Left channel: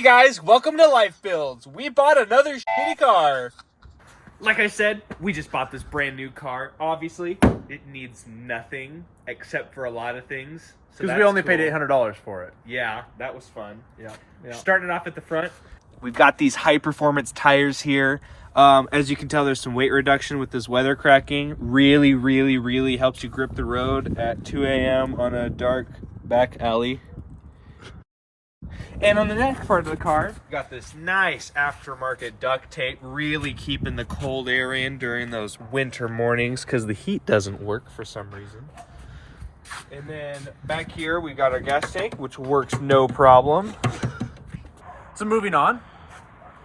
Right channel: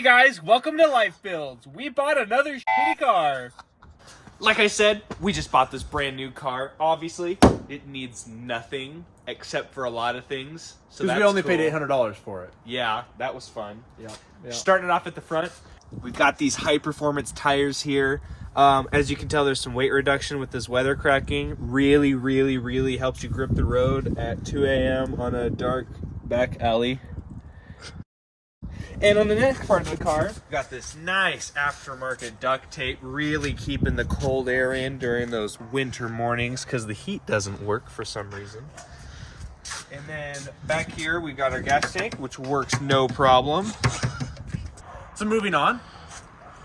Hey guys, welcome to Lifebuilds. We bought another shitty car. Like I said, we just bought this brand new car. Obviously, it needs nothing except for a lot of things. Because we only paid $800 for it. Yeah, that was fun. Yeah. Starting it off at the front, we've got these high-performance tires here. As you can tell, there's some weight reduction with this weather cracking. Really helps you grip the road at 2 a.m. on a dark back alley. And on the next part of the car, we've got this nice aftermarket duct tape, really keeping the cold air in during those winter mornings because the heat doesn't work for some reason. And then back here, we got our gas tank, which works no problem. So moving on,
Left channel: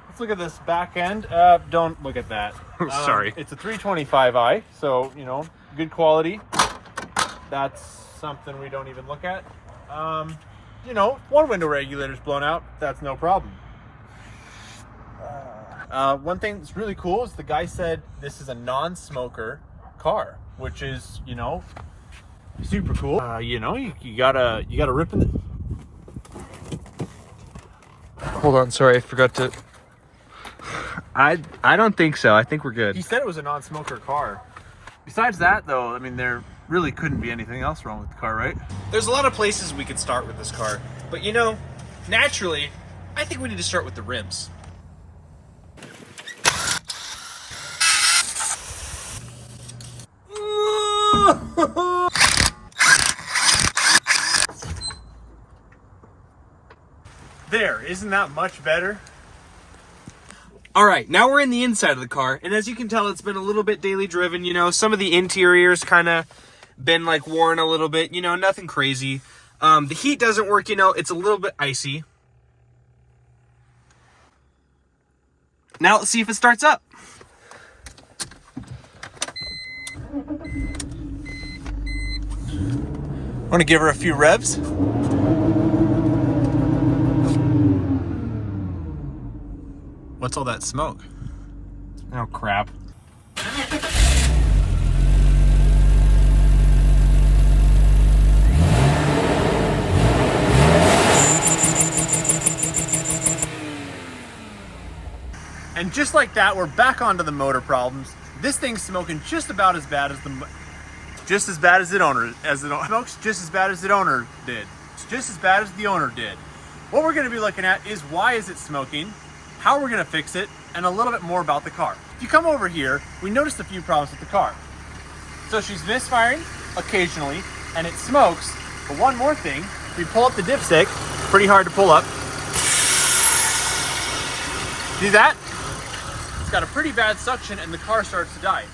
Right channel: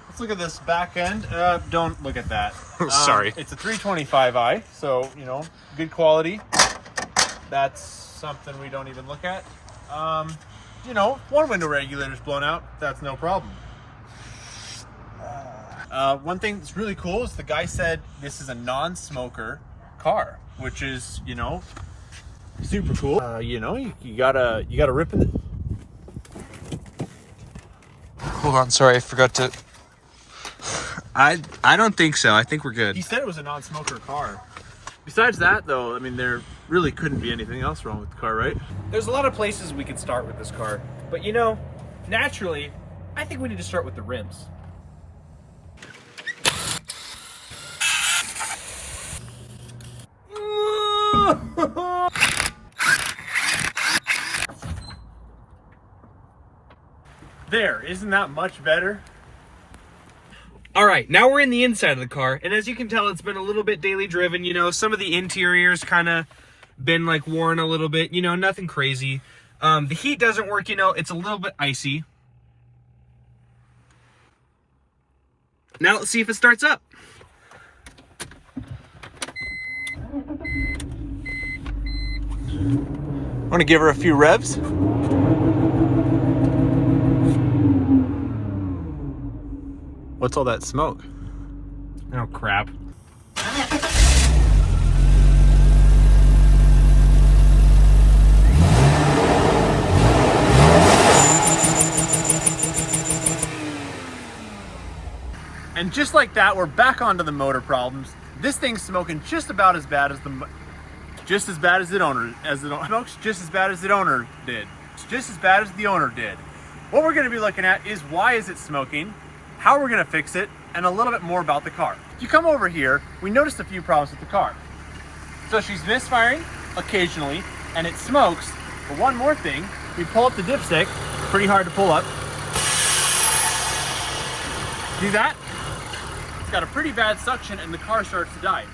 let's look at this back end. Don't look at that. Sorry. It's a 325i, so, you know, good quality. That's something we don't even look at. You know, one window regulator's blown out. That's no problem. One thing that's really cool is the guy said this is a non-smoker car, which is, you know, super cool. You know, you gotta rip it. Hold on, sorry, I forgot to. I don't think so. I think we're good. He said it was a non-smoker car. Besides that, though, I mean, there really couldn't be anything else wrong with the car, right? There's a lot of places we could start with this car, but you know, naturally, I think we need to start with the rims. There, isn't that much better? All right, now we're in the inside of the car, and as you can tell, it's been a little bit daily driven. You know, some of the interiors kind of been like worn a little bit, you know, nothing crazy. The heat doesn't work, you know, it's a little bit icy. Now let's see if it starts up. Want to give her a few revs? What's all that smoke? Oh, crap. And just like that, we're back onto the motor problems. This thing's smoking just about as bad as the owner smokes just as bad as the owner did. It's just as bad as the owner did. What we're going to be looking at is why is it smoking, how we're going to fix it, and a little bit more about the car. If you come over here, we noticed a few problems with the car. So she's misfiring occasionally, and it smokes. But one more thing, we pull up the dipstick, pretty hard to pull up. See that? It's got a pretty bad suction and the car starts to die.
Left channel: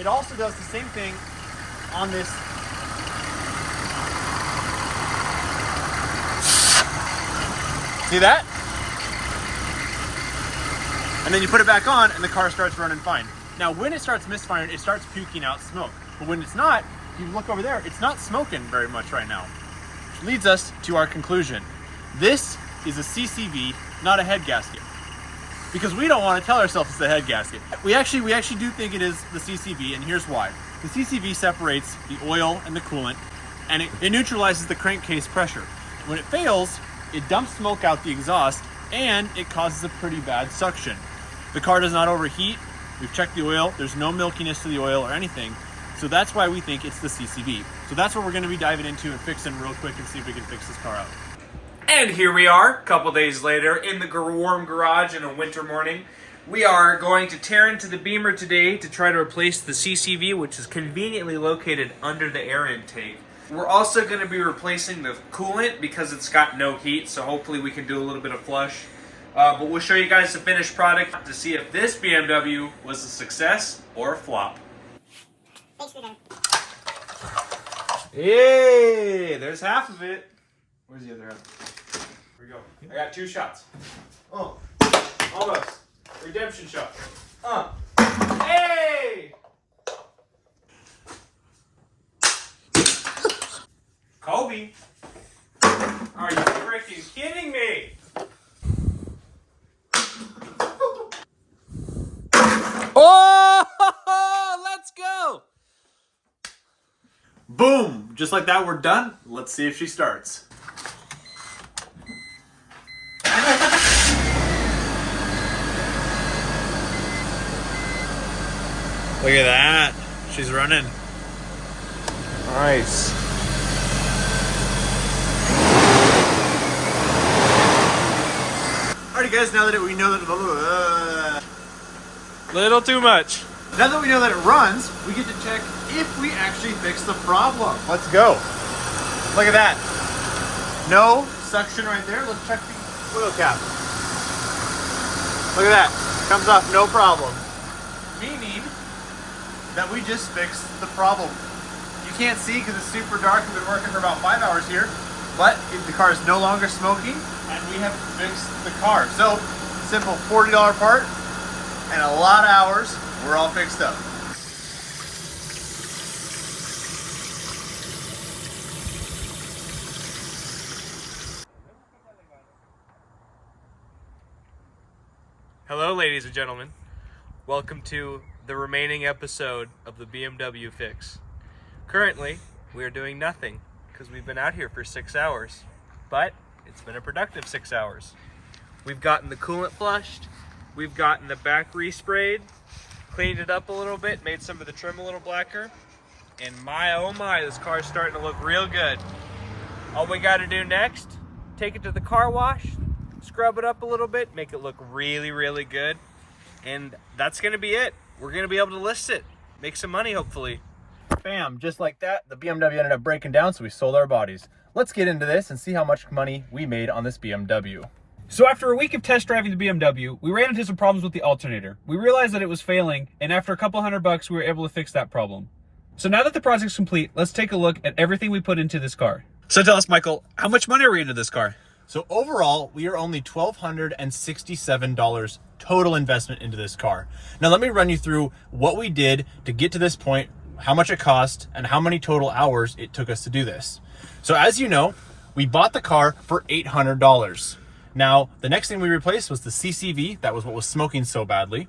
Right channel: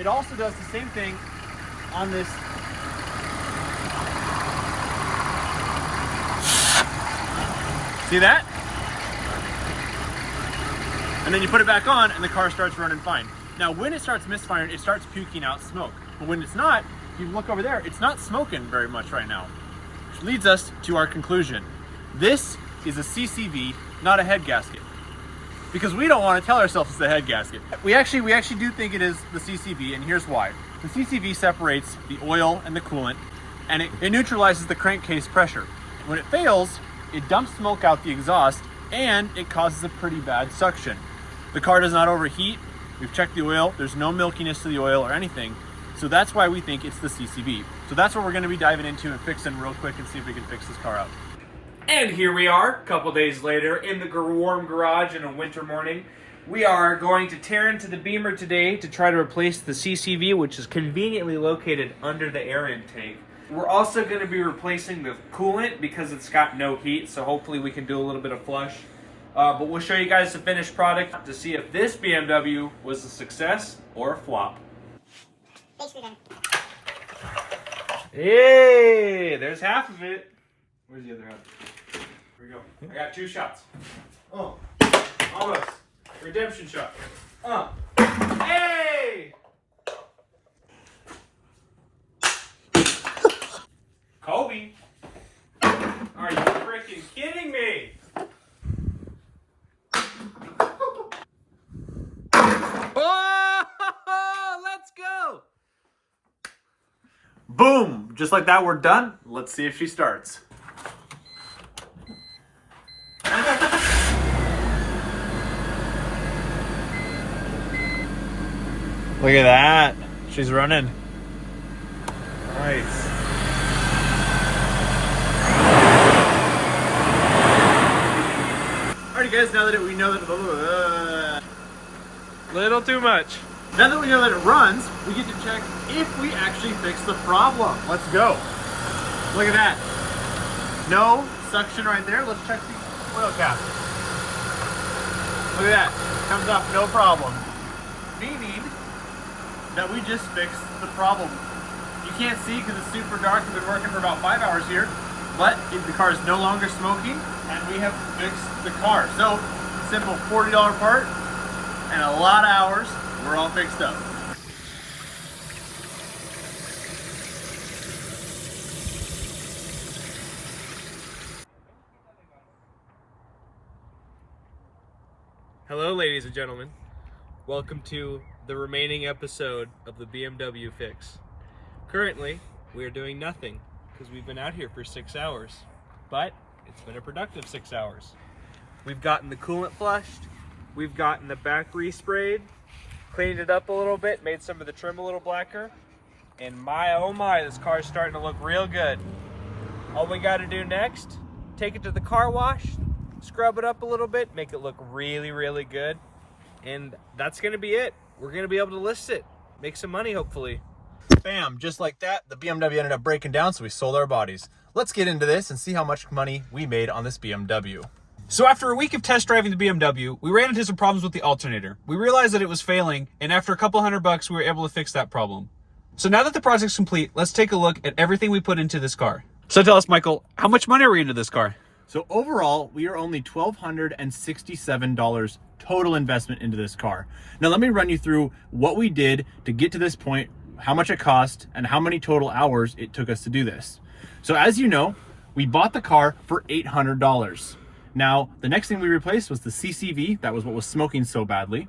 It also does the same thing on this. See that? And then you put it back on and the car starts running fine. Now when it starts misfiring, it starts puking out smoke. But when it's not, if you look over there, it's not smoking very much right now. Which leads us to our conclusion. This is a CCV, not a head gasket. Because we don't want to tell ourselves it's a head gasket. We actually do think it is the CCV, and here's why. The CCV separates the oil and the coolant, and it neutralizes the crankcase pressure. When it fails, it dumps smoke out the exhaust, and it causes a pretty bad suction. The car does not overheat. We've checked the oil. There's no milkiness to the oil or anything. So that's why we think it's the CCV. So that's what we're going to be diving into and fixing real quick and see if we can fix this car out. And here we are, a couple days later, in the warm garage in a winter morning. We are going to tear into the Beamer today to try to replace the CCV, which is conveniently located under the air intake. We're also going to be replacing the coolant because it's got no heat, so hopefully we can do a little bit of flush. But we'll show you guys the finished product to see if this BMW was a success or a flop. Hey, there's half of it. Where's the other half? Here we go. I got 2 shots. Oh, almost. Redemption shot. Hey! Kobe. Are you freaking kidding me? Oh, let's go. Boom! Just like that, we're done. Let's see if she starts. Look at that. She's running. Nice. Alrighty guys, now that we know that Little too much. now that we know that it runs, we get to check if we actually fix the problem. Let's go. Look at that. No suction right there. Let's check the oil cap. Look at that. Comes off no problem. Meaning that we just fixed the problem. You can't see because it's super dark. We've been working for about 5 hours here, but the car is no longer smoking and we have fixed the car. So simple $40 part and a lot of hours, we're all fixed up. Hello, ladies and gentlemen. Welcome to the remaining episode of the BMW fix. Currently, we are doing nothing because we've been out here for 6 hours, but it's been a productive 6 hours. We've gotten the coolant flushed, we've gotten the back resprayed, cleaned it up a little bit, made some of the trim a little blacker, and my oh my, this car is starting to look real good. All we got to do next, take it to the car wash, scrub it up a little bit, make it look really, really good, and that's going to be it. We're going to be able to list it, make some money hopefully. Bam, just like that, the BMW ended up breaking down, so we sold our bodies. Let's get into this and see how much money we made on this BMW. So after a week of test driving the BMW, we ran into some problems with the alternator. We realized that it was failing, and after a couple $100, we were able to fix that problem. So now that the project's complete, let's take a look at everything we put into this car. So tell us, Michael, how much money are we into this car? So overall, we are only $1,267 total investment into this car. Now let me run you through what we did to get to this point, how much it cost, and how many total hours it took us to do this. So as you know, we bought the car for $800. Now, the next thing we replaced was the CCV. That was what was smoking so badly.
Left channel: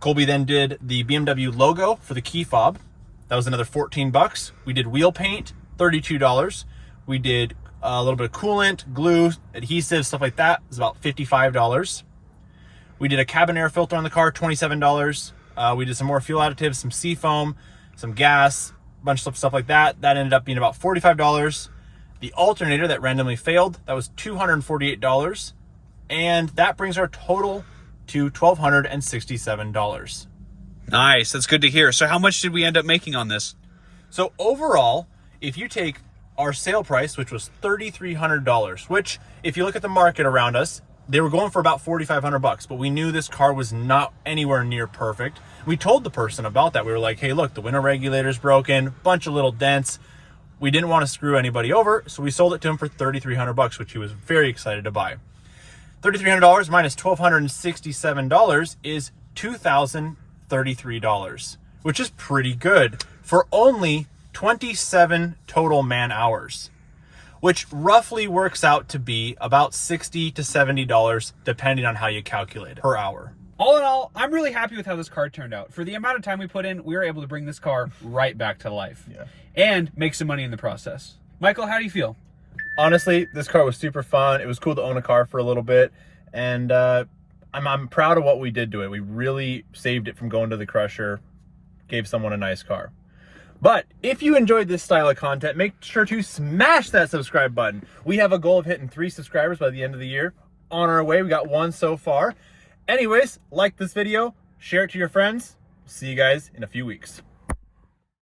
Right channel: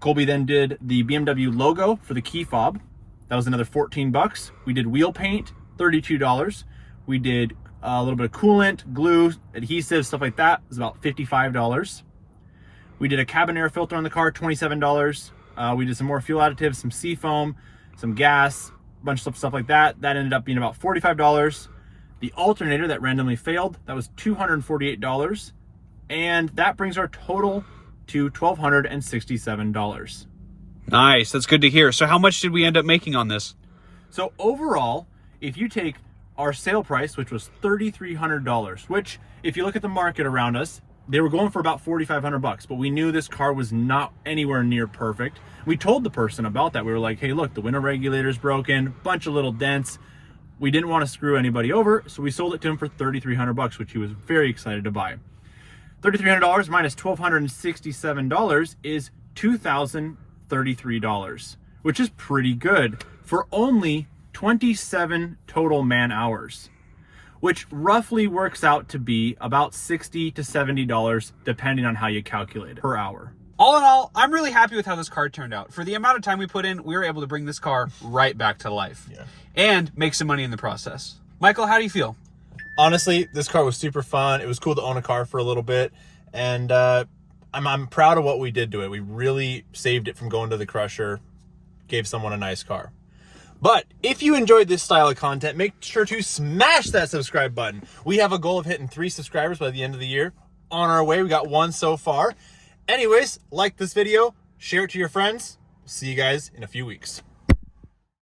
Colby then did the BMW logo for the key fob. That was another 14 bucks. We did wheel paint, $32. We did a little bit of coolant, glue, adhesive, stuff like that. It was about $55. We did a cabin air filter on the car, $27. We did some more fuel additives, some seafoam, some gas, a bunch of stuff like that. That ended up being about $45. The alternator that randomly failed, that was $248. And that brings our total to $1,267. Nice, that's good to hear. So how much did we end up making on this? So overall, if you take our sale price, which was $3,300, which if you look at the market around us, they were going for about $4,500, but we knew this car was not anywhere near perfect. We told the person about that. We were like, hey, look, the window regulator's broken, bunch of little dents. We didn't want to screw anybody over, so we sold it to him for $3,300, which he was very excited to buy. $3,300 minus $1,267 is $2,033, which is pretty good for only 27 total man hours, which roughly works out to be about $60 to $70, depending on how you calculate it, per hour. All in all, I'm really happy with how this car turned out. For the amount of time we put in, we were able to bring this car right back to life and make some money in the process. Michael, how do you feel? Honestly, this car was super fun. It was cool to own a car for a little bit, and I'm proud of what we did to it. We really saved it from going to the crusher, gave someone a nice car. But if you enjoyed this style of content, make sure to smash that subscribe button. We have a goal of hitting 3 subscribers by the end of the year. On our way, we got 1 so far. Anyways, like this video, share it to your friends. See you guys in a few weeks.